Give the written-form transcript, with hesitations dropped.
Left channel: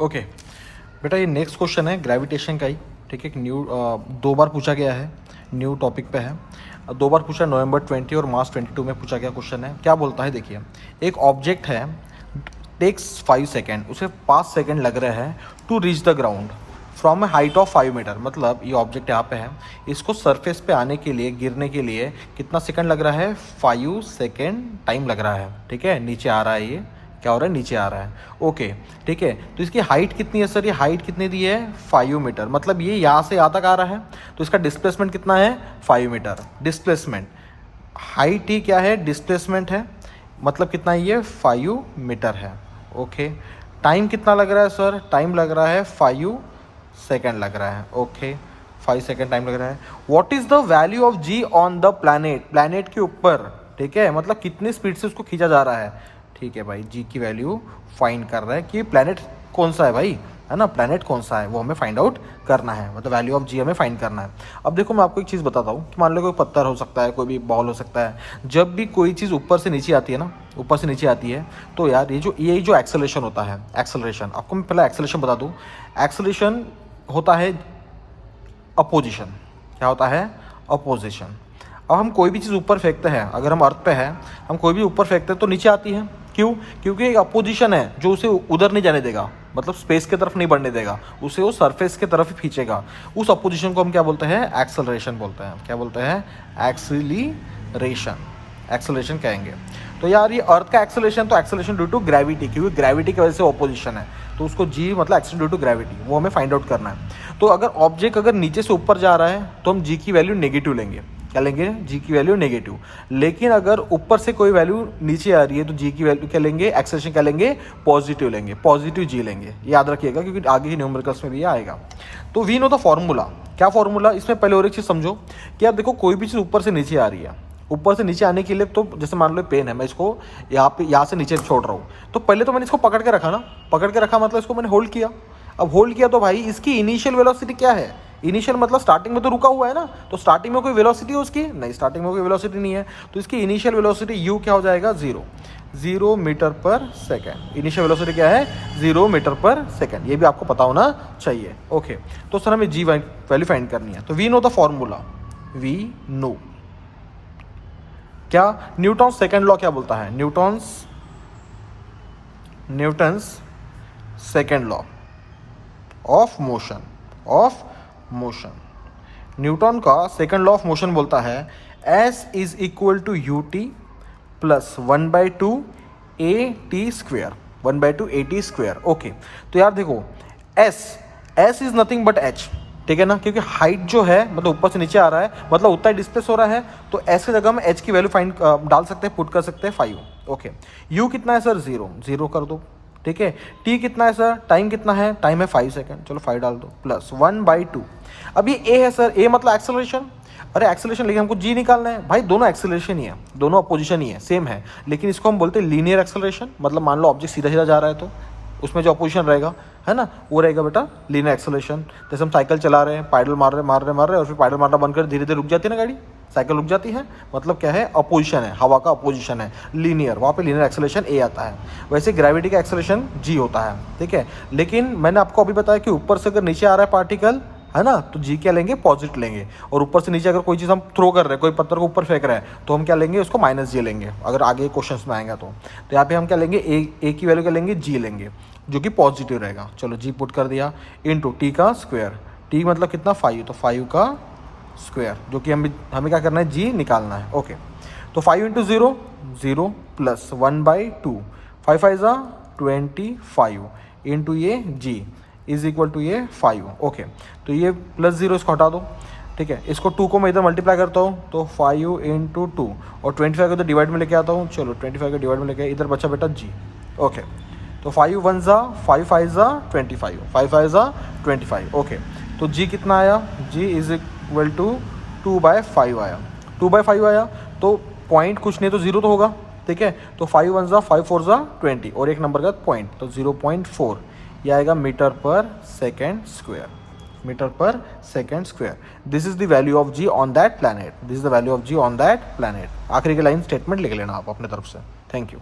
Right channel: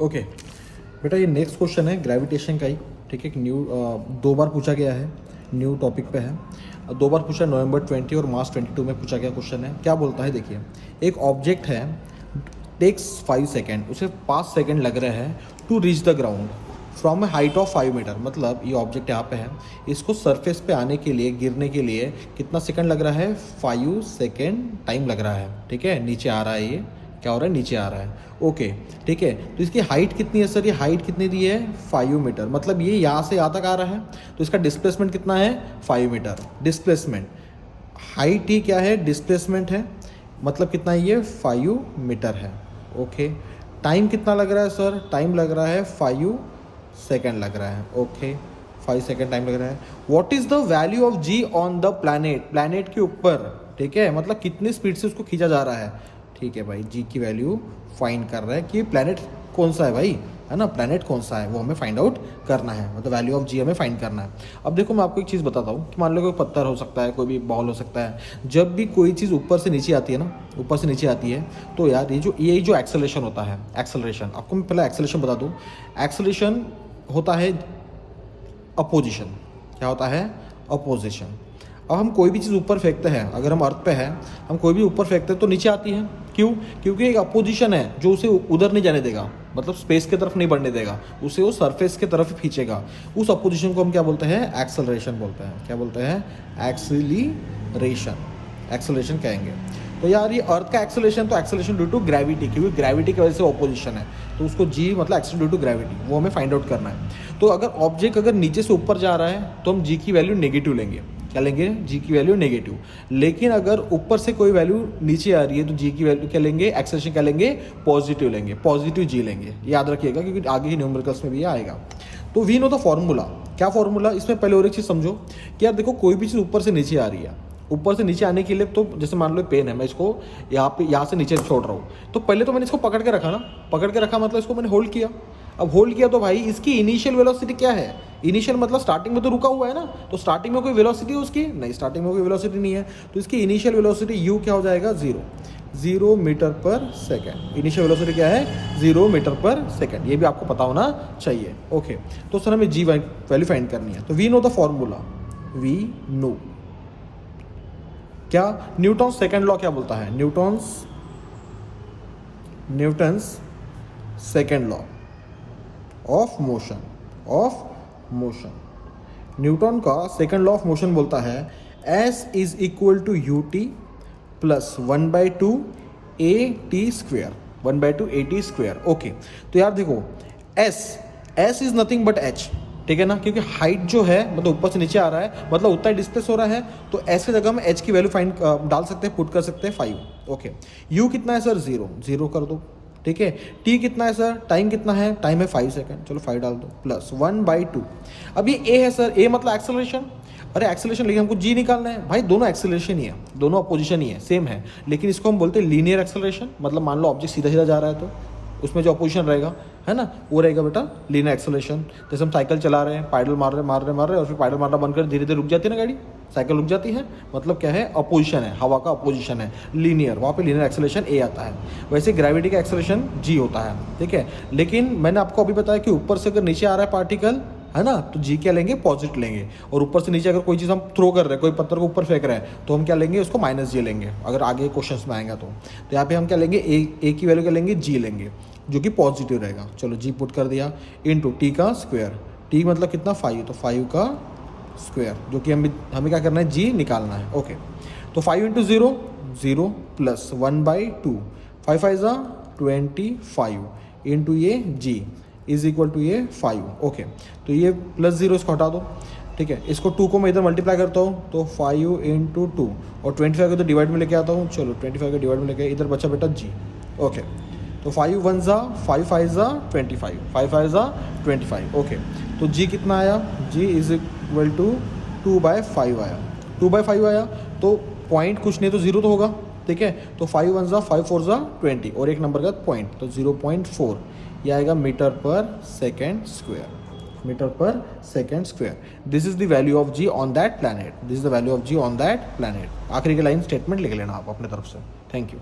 Okay बेटा, ये next question है ग्रेविटेशन का ही, ठीक है। न्यू 2 बार पूछा गया है, न्यू टॉपिक पे है। 2 बार पूछा, नवंबर 20 और मार्च 22 में पूछा गया क्वेश्चन है। क्या बोलता है देखिए, एक ऑब्जेक्ट है, टेक्स 5 सेकेंड, उसे 5 सेकेंड लग रहे हैं to reach the ground from a height of 5 metre. मतलब ये ऑब्जेक्ट यहाँ पे है, इसको सरफेस पे आने के लिए, गिरने के लिए कितना सेकंड लग रहा है? 5 सेकेंड टाइम लग रहा है, ठीक है। नीचे आ रहा है, ये क्या हो रहा है? नीचे आ रहा है, ओके, ठीक है। तो इसकी हाइट कितनी है सर? ये हाइट कितनी दी है? 5 मीटर। मतलब ये यहाँ से यहाँ तक आ रहा है, तो इसका डिस्प्लेसमेंट कितना है? 5 मीटर। डिस्प्लेसमेंट, हाइट ही क्या है? डिस्प्लेसमेंट है, मतलब कितना है ये? 5 मीटर है, ओके। टाइम कितना लग रहा है सर? टाइम लग रहा है 5 सेकेंड लग रहा है, ओके। 5 सेकेंड टाइम लग रहा है। What is the value of g on the planet? Planet के ऊपर, ठीक है, मतलब कितनी स्पीड से उसको खींचा जा रहा है, ठीक है भाई। जी की वैल्यू फाइंड कर रहा है कि प्लैनेट कौन सा है भाई, है ना, प्लैनेट कौन सा है वो हमें फाइंड आउट करना है, मतलब वैल्यू ऑफ जी हमें फाइंड करना है। अब देखो मैं आपको एक चीज़ बताता हूँ कि मान लो कोई पत्थर हो सकता है, कोई भी बॉल हो सकता है। जब भी कोई चीज़ ऊपर से नीचे आती है ना, ऊपर से नीचे आती है, तो यार ये जो एक्सेलरेशन होता है, एक्सेलरेशन, आपको मैं पहले एक्सेलरेशन बता दूँ। एक्सेलरेशन होता है अपोजिशन। क्या होता है? अपोजिशन। अब हम कोई भी चीज़ ऊपर फेंकते हैं, अगर हम अर्थ पे है, हम कोई भी ऊपर फेंकते हैं तो नीचे आती है। क्यों? क्योंकि एक अपोजिशन है जो उसे उधर नहीं जाने देगा, मतलब स्पेस की तरफ नहीं बढ़ने देगा, उसे वो सरफेस की तरफ ही खींचेगा। उस अपोजिशन को हम क्या बोलते हैं? एक्सेलरेशन बोलते हैं। क्या बोलते हैं? एक्सीलरेशन, एक्सेलरेशन कहेंगे। तो यार ये अर्थ का एक्सेलरेशन, तो एक्सेलरेशन ड्यू टू ग्रेविटी, क्योंकि ग्रेविटी की वजह से ऑपोजिशन है, तो उसको जी मतलब एक्सेलरेशन ड्यू टू ग्रेविटी, वो हमें फाइंड आउट करना है। तो अगर ऑब्जेक्ट अगर नीचे से ऊपर जा रहा है तो हम जी की वैल्यू नेगेटिव लेंगे। क्या लेंगे? जी की वैल्यू नेगेटिव। लेकिन अगर ऊपर से कोई वैल्यू नीचे आ रही है तो जी की वैल्यू क्या लेंगे? एक्सेलरेशन क्या लेंगे? पॉजिटिव लेंगे, पॉजिटिव जी लेंगे। याद रखिएगा क्योंकि आगे की न्यूमेरिकल्स में भी आएगा। तो वी नो द फॉर्मूला। क्या फॉर्मूला? इसमें पहले और एक चीज समझो कि यार देखो, कोई भी चीज ऊपर से नीचे आ रही है, ऊपर से नीचे आने के लिए, तो जैसे मान लो पेन है, मैं इसको यहाँ से नीचे छोड़ रहा हूँ, तो पहले तो मैंने इसको पकड़ के रखा ना, पकड़ के रखा मतलब इसको मैंने होल्ड किया। अब होल्ड किया तो भाई इसकी इनिशियल वेलोसिटी क्या है? इनिशियल मतलब स्टार्टिंग में तो रुका हुआ है ना, तो स्टार्टिंग में कोई वेलोसिटी है उसकी? नहीं, स्टार्टिंग में कोई वेलोसिटी नहीं है, तो इसकी इनिशियल वेलोसिटी यू क्या हो जाएगा? 0 metre per second. Initial velocity क्या है? 0 मीटर पर सेकेंड। ये भी आपको पता होना चाहिए, ओके। तो सर हमें जी वैल्यू फाइंड करनी है, तो we know the formula, we know क्या? न्यूटन सेकेंड लॉ क्या बोलता है? Newton's second law of motion, Newton का सेकेंड लॉ ऑफ मोशन बोलता है s is equal to u t plus 1/2 a t square, 1/2 a t square, okay. तो यार देखो, s is nothing but h, ठीक है ना, क्योंकि हाइट जो है मतलब ऊपर से नीचे आ रहा है, मतलब उतना डिस्प्लेस हो रहा है, तो एस की जगह में एच की वैल्यू फाइंड डाल सकते हैं, पुट कर सकते हैं 5, ओके। यू कितना है सर? 0 कर दो, ठीक है। टी कितना है सर? टाइम कितना है? टाइम है 5 सेकेंड, चलो 5 डाल दो, प्लस 1/2। अब ये ए है सर, ए मतलब एक्सेलरेशन। अरे एक्सेलरेशन, लेकिन हमको जी निकालना है भाई, दोनों एक्सेलरेशन ही है, दोनों अपोजिशन ही है, सेम है, लेकिन इसको हम बोलते हैं लीनियर एक्सेलरेशन। मतलब मान लो ऑब्जेक्ट सीधा सीधा जा रहा है तो उसमें जो अपोजिशन रहेगा, है ना, वो रहेगा बेटा लीनियर एक्सेलरेशन। जैसे हम साइकिल चला रहे हैं, पैडल मार रहे और फिर पैडल मारना बंद कर धीरे धीरे रुक जाती है ना गाड़ी, साइकिल रुक जाती है, मतलब क्या है? अपोजिशन है, हवा का अपोजिशन है, लीनियर, वहाँ पे लीनियर एक्सेलरेशन ए आता है। वैसे ग्रेविटी का एक्सेलरेशन जी होता है, ठीक है। लेकिन मैंने आपको अभी बताया कि ऊपर से अगर नीचे आ रहा है पार्टिकल, है ना, तो जी क्या लेंगे? पॉजिटिव लेंगे। और ऊपर से नीचे अगर कोई चीज़ हम थ्रो कर रहे हैं, कोई पत्थर को ऊपर फेंक रहे हैं, तो हम क्या लेंगे? उसको माइनस जी लेंगे, अगर आगे क्वेश्चन में आएगा तो यहाँ पे हम क्या लेंगे? ए की वैल्यू क्या लेंगे? जी लेंगे, जो कि पॉजिटिव रहेगा। चलो जी पुट कर दिया, इनटू टी का स्क्वायर, टी मतलब कितना? 5, तो 5 का स्क्वायर, जो कि हमें क्या करना है? जी निकालना है, ओके। तो 5 × 0 प्लस 1/2, 5 5 ज़ा 25 इंटू ये जी इज इक्वल टू ये 5, ओके। तो ये प्लस 0 इसको हटा दो, ठीक है। इसको 2 को मैं इधर मल्टीप्लाई करता हूँ, तो 5 × 2 और 25 को तो डिवाइड में लेके आता हूँ, चलो 25 को डिवाइड में लेके, इधर बचा बेटा जी, ओके। तो 5 1 ज़ा 5 5 ज़ा 25, 5 5 ज़ा 25, ओके। तो जी कितना आया? जी इज इक्वल टू 2/5 आया, 2/5 आया, तो पॉइंट कुछ नहीं तो 0 तो होगा, ठीक है। तो 5 1 ज़ा 5 4 ज़ा 20 और एक नंबर का पॉइंट, तो 0.4, ये आएगा metre per second square, metre per second square. This is the value of g on that planet, this is the value of g on that planet. आखिरी की लाइन स्टेटमेंट लिख लेना आप अपने तरफ से। Thank you.